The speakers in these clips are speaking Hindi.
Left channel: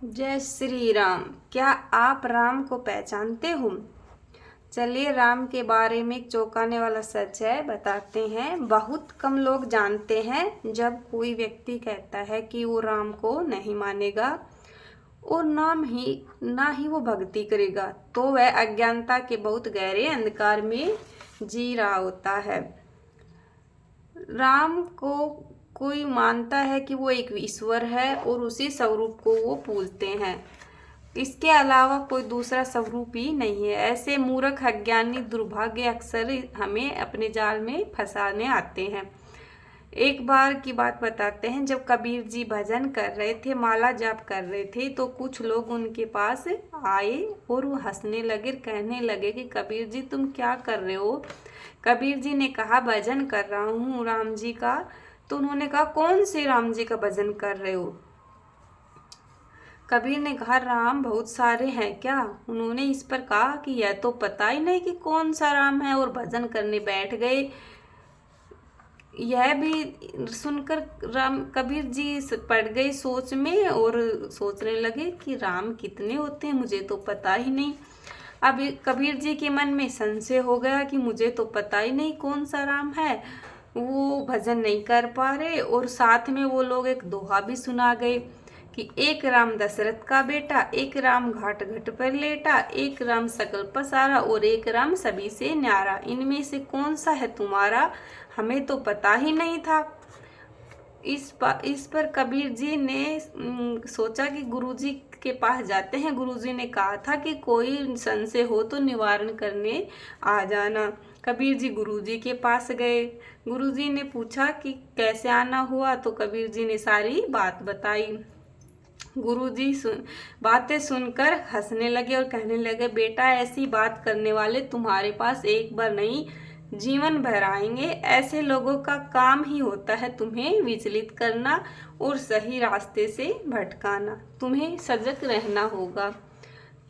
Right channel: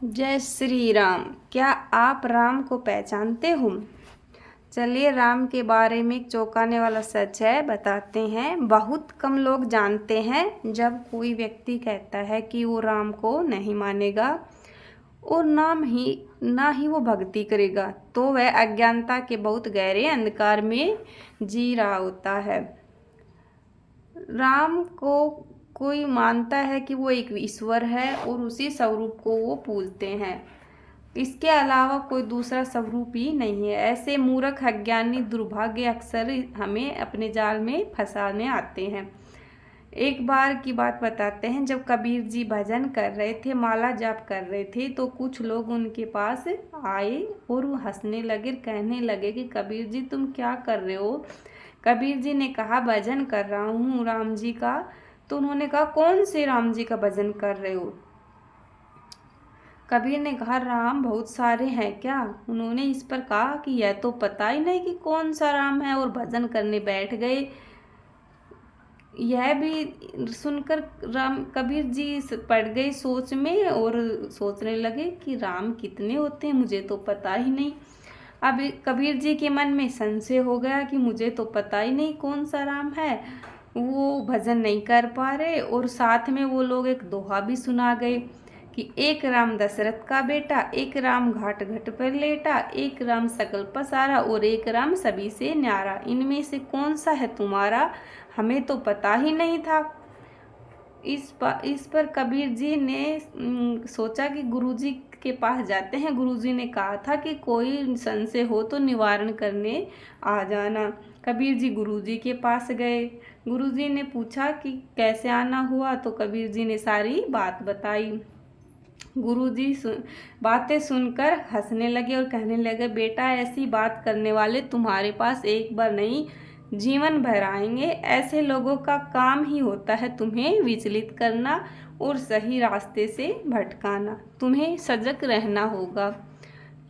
जय श्री राम। क्या आप राम को पहचानते हो? चलिए राम के बारे में एक चौंकाने वाला सच है, बताते हैं। बहुत कम लोग जानते हैं जब कोई व्यक्ति कहता है कि वो राम को नहीं मानेगा और ना ही वो भक्ति करेगा, तो वह अज्ञानता के बहुत गहरे अंधकार में जी रहा होता है। राम को कोई मानता है कि वो एक ईश्वर है और उसी स्वरूप को वो पूजते हैं। इसके अलावा कोई दूसरा स्वरूप ही नहीं है। ऐसे मूर्ख अज्ञानी दुर्भाग्य अक्सर हमें अपने जाल में फंसाने आते हैं। एक बार की बात बताते हैं, जब कबीर जी भजन कर रहे थे, माला जाप कर रहे थे, तो कुछ लोग उनके पास आए और वो हंसने लगे, कहने लगे कि कबीर जी तुम क्या कर रहे हो? कबीर जी ने कहा भजन कर रहा हूँ राम जी का। तो उन्होंने कहा कौन से राम जी का भजन कर रहे हो? कबीर ने कहा राम बहुत सारे हैं क्या? उन्होंने इस पर कहा कि यह तो पता ही नहीं कि कौन सा राम है, और भजन करने बैठ गए। यह भी सुनकर राम कबीर जी पड़ गए सोच में और सोचने लगे कि राम कितने होते हैं, मुझे तो पता ही नहीं। अब कबीर जी के मन में संशय हो गया कि मुझे तो पता ही नहीं कौन सा राम है। वो भजन नहीं कर पा रहे और साथ में वो लोग एक दोहा भी सुना गए कि एक राम दशरथ का बेटा, एक राम घाट घट पर लेटा, एक राम सकल पसारा और एक राम सभी से न्यारा। इनमें से कौन सा है तुम्हारा? हमें तो पता ही नहीं था। इस पर कबीर जी ने सोचा कि गुरुजी के पास जाते हैं। गुरुजी ने कहा था कि कोई संशय हो तो निवारण करने आ जाना। कबीर जी गुरुजी के पास गए। गुरुजी ने पूछा कि कैसे आना हुआ, तो कबीर जी ने सारी बात बताई। गुरुजी बातें सुनकर हंसने लगे और कहने लगे, बेटा ऐसी बात करने वाले तुम्हारे पास एक बार नहीं जीवन भर आएंगे। ऐसे लोगों का काम ही होता है तुम्हें विचलित करना और सही रास्ते से भटकाना। तुम्हें सजग रहना होगा।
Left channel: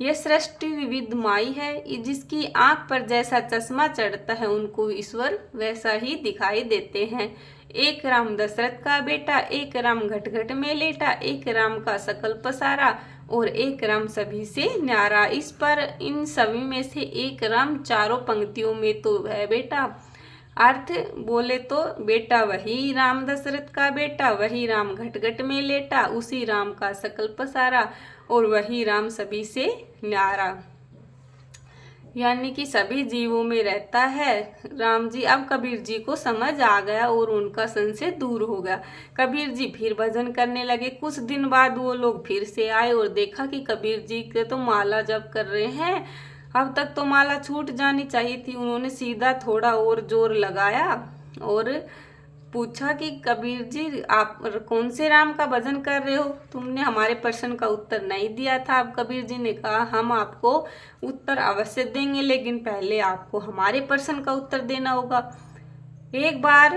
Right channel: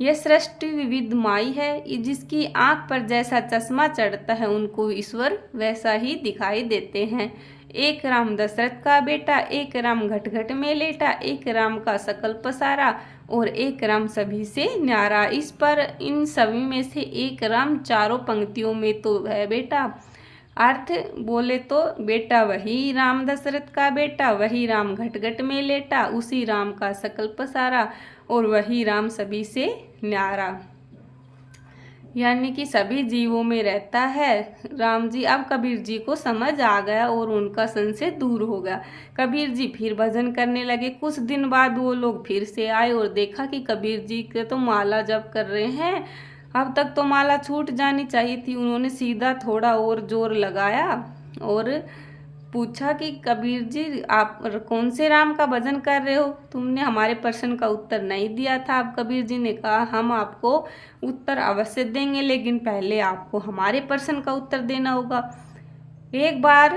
यह सृष्टि विविध माई है, जिसकी आंख पर जैसा चश्मा चढ़ता है उनको ईश्वर वैसा ही दिखाई देते हैं। एक राम दशरथ का बेटा, एक राम घट घट में लेटा, एक राम का सकल पसारा और एक राम सभी से न्यारा। इस पर इन सभी में से एक राम चारों पंक्तियों में तो है बेटा। अर्थ बोले तो बेटा वही राम दशरथ का बेटा, वही राम घट घट में लेटा, उसी राम का सकल पसारा और वही राम सभी से न्यारा। यानी कि सभी जीवों में रहता है राम जी। अब कबीर जी को समझ आ गया और उनका संशय दूर हो गया। कबीर जी फिर भजन करने लगे। कुछ दिन बाद वो लोग फिर से आए और देखा कि कबीर जी के तो माला जप कर रहे हैं। अब तक तो माला छूट जानी चाहिए थी। उन्होंने सीधा थोड़ा और जोर लगाया और पूछा कि कबीर जी आप कौन से राम का भजन कर रहे हो? तुमने हमारे प्रश्न का उत्तर नहीं दिया था। अब कबीर जी ने कहा हम आपको उत्तर अवश्य देंगे, लेकिन पहले आपको हमारे प्रश्न का उत्तर देना होगा। एक बार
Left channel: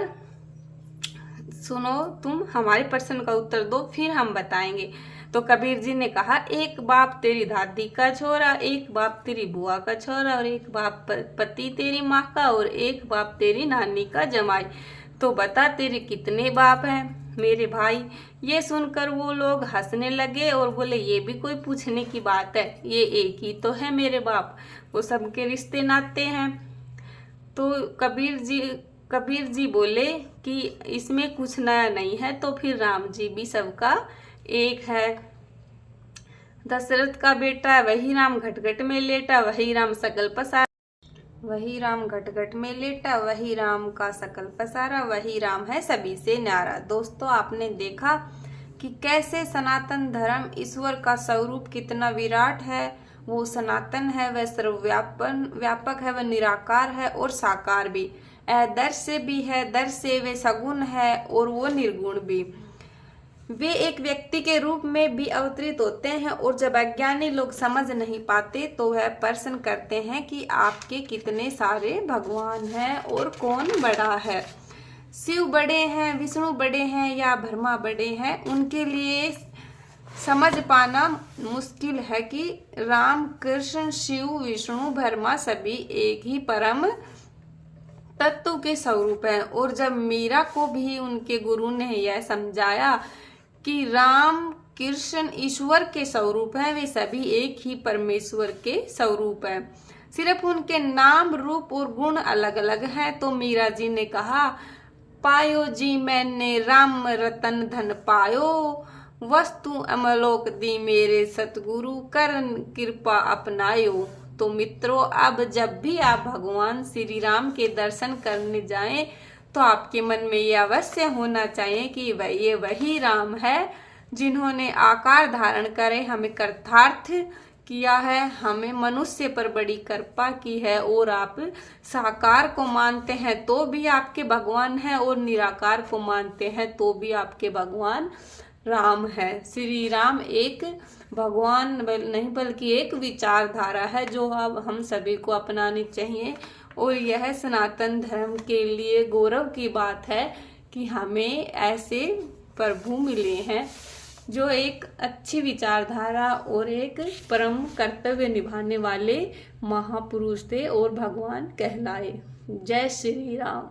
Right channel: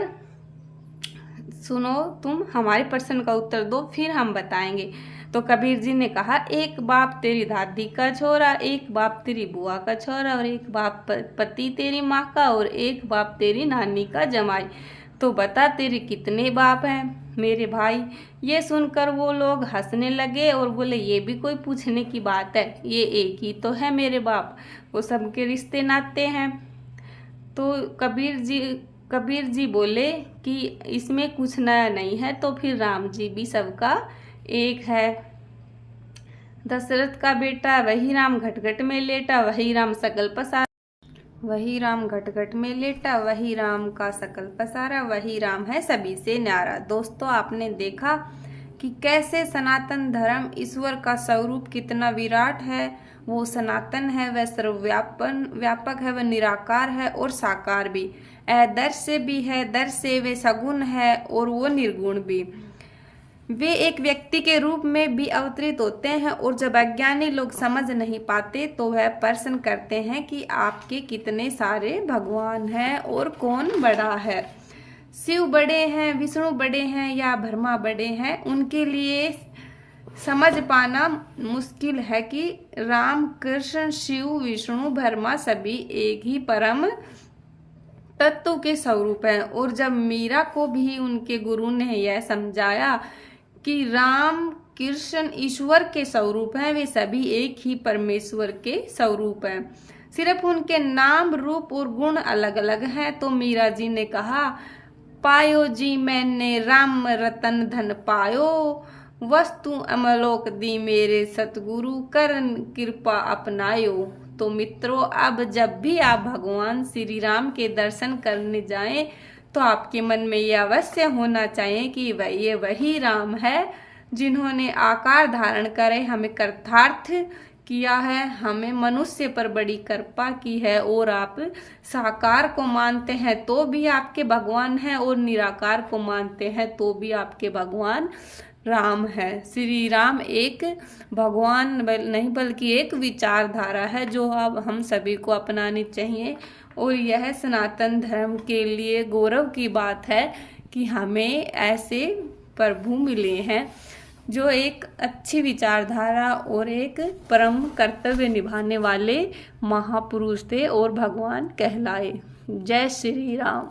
सुनो, तुम हमारे प्रश्न का उत्तर दो, फिर हम बताएंगे। तो कबीर जी ने कहा एक बाप तेरी दादी का छोरा, एक बाप तेरी बुआ का छोरा और एक बाप पति तेरी माँ का और एक बाप तेरी नानी का जमाई। तो बता तेरे कितने बाप हैं मेरे भाई? ये सुनकर वो लोग हंसने लगे और बोले ये भी कोई पूछने की बात है, ये एक ही तो है मेरे बाप, वो सबके रिश्ते नाते हैं। तो कबीर जी बोले कि इसमें कुछ नया नहीं है, तो फिर राम जी भी सबका एक है। दशरथ का बेटा वही राम घट घट में लेटा, वही राम सकल पसारा, वही राम घट घट में लेटा, वही राम का सकल पसारा, वही राम है सभी से न्यारा। दोस्तों आपने देखा कि कैसे सनातन धर्म ईश्वर का स्वरूप कितना विराट है। वो सनातन है, वह सर्वव्यापक है, वह निराकार है और साकार भी। अदृश्य भी है, दृश्य वे सगुण है और वो निर्गुण भी। वे एक व्यक्ति के रूप में भी अवतरित होते हैं और जब अज्ञानी लोग समझ नहीं पाते तो वह प्रश्न करते हैं कि आपके कितने सारे भगवान हैं और कौन बड़ा है। शिव बड़े हैं, विष्णु बड़े हैं या ब्रह्मा बड़े हैं? उनके लिए समझ पाना मुश्किल है कि राम कृष्ण शिव विष्णु ब्रह्मा सभी एक ही परम तत्व के स्वरूप हैं। और जब मीरा को भी उनके गुरु ने यह समझाया कि राम कृष्ण ईश्वर के स्वरूप हैं, वे सभी एक ही परमेश्वर के स्वरूप हैं। सिर्फ उनके नाम, रूप और गुण अलग अलग हैं। तो मीरा जी ने कहा, पायो जी मैंने राम रतन धन पायो, वस्तु अमलोक दी मेरे सतगुरु, करन कृपा अपनायो। तो मित्रों, अब जब भी आप भगवान श्री राम के दर्शन करने जाएं तो आपके मन में ये अवश्य होना चाहिए कि ये वही राम है जिन्होंने आकार धारण करे हमें कृतार्थ किया है, हमें मनुष्य पर बड़ी कृपा की है। और आप साकार को मानते हैं तो भी आपके भगवान हैं, और निराकार को मानते हैं तो भी आपके भगवान राम है। श्री राम एक भगवान नहीं बल्कि एक विचारधारा है जो अब हम सभी को अपनानी चाहिए। और यह सनातन धर्म के लिए गौरव की बात है कि हमें ऐसे प्रभु मिले हैं जो एक अच्छी विचारधारा और एक परम कर्तव्य निभाने वाले महापुरुष थे और भगवान कहलाए। जय श्री राम।